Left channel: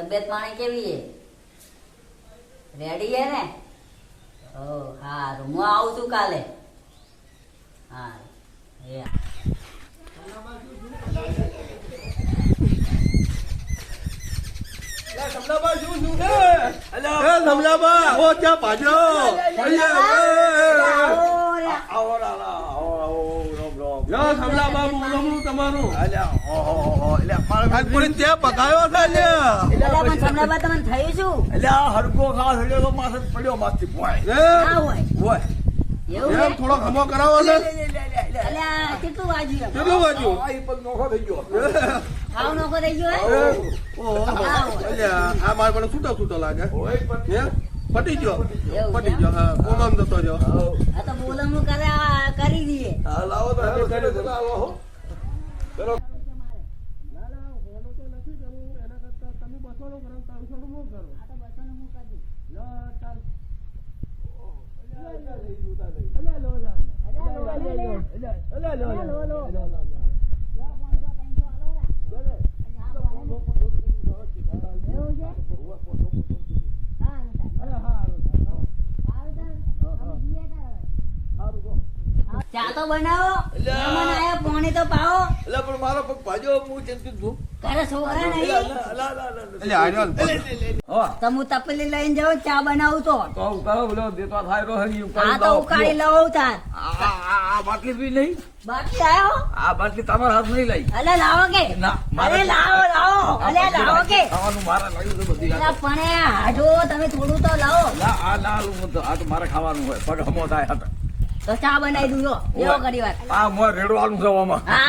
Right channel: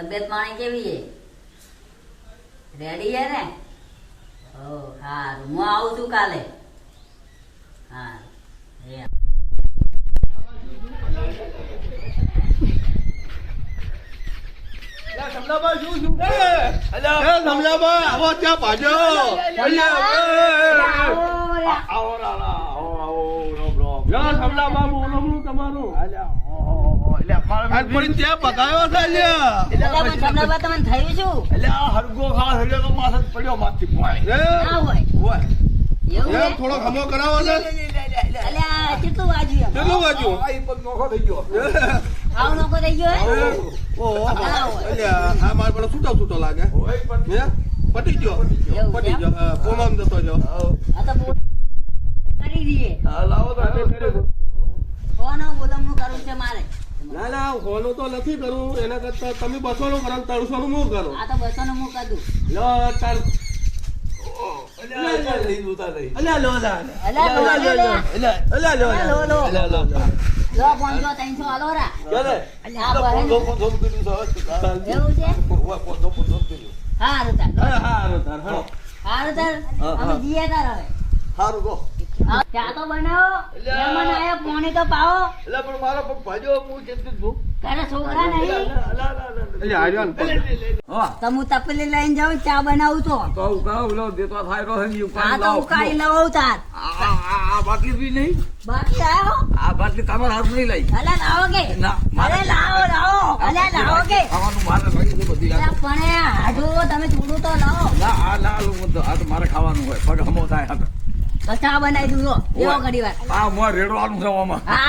તબિયત પાણી કેવી છે? રેડી છે ને? ઓ હારું, હું આવું છું કાલે. હા એ તમને થયું શું? હરગો ખાસ હડ્યો તો માથે પડ્યો માથે ના હોય એવું છે? થોડો ખમો કરાવો ને. અલ્યા કેટલું વાગ્યું એમ? કેટલું વાગ્યું? નોખો થઈ ગયો આવું નોખો થઈ ગયો હે? ઓહો, ના હોય. અલ્યા, આ મારે પેલો છૂટો લાગે. હે? પટી ગયો. એવું પટી છે? ગયો. હા, કોમામ જતો રહ્યો. આ તો બોલમણું કરી દઈએ. લાવો તો કોનો બોલમણું કરવું છે મારે? ના ના, હોનું તો નથી કરવું. એના કરતા તમે 200 નું કરો, 300 નું હું કરો. આ તો 200 નું હું કરું. લો, તાર. અલ્યા, લો, લા. અલ્યા લો, લે, લે. અલ્યા, લો, લા. લો, લો. અલ્યા, લો. લો 500 300 આલો રા. અલ્યા આ બહેન એવું છે? હારું તાર. હા, હારું તાર, હાલો. હારું તાર. અમે જઈએ તાર હવે. સારું તો હા, ચા તો બનાવો. અલ્યા. મહેમાન આયા, પાણી તો પાવો. એટલે પણ મારો પગ ભાજ્યો હું ચિંતિત છું તારે છોકરા નહીં? અલ્યા, આર્યો ને પગ. તો હું તપેલી લઈને જાઉં, ચા બનાવું તો. આ તો ઉકાળી લઉં તાર. આ બાટલી પી નહીં બાકી આવ્યો? આ બાટલી તમારા હાથ નહીં લઈ અલે લાવો કે? ના, અરે લાવો. અલે લાવો કે? ખાવાનું મારે લાગ્યું છે બધી અલા પણ આ જો તમે થોડું તો લાવો. આ ના આ તો મારે ખાવાનું હોય પગ હમો થાય તો ચા બનાવી દઉં જો. એવો ઘડી વાર. આ મોર રેડવાનું છે આમાં હા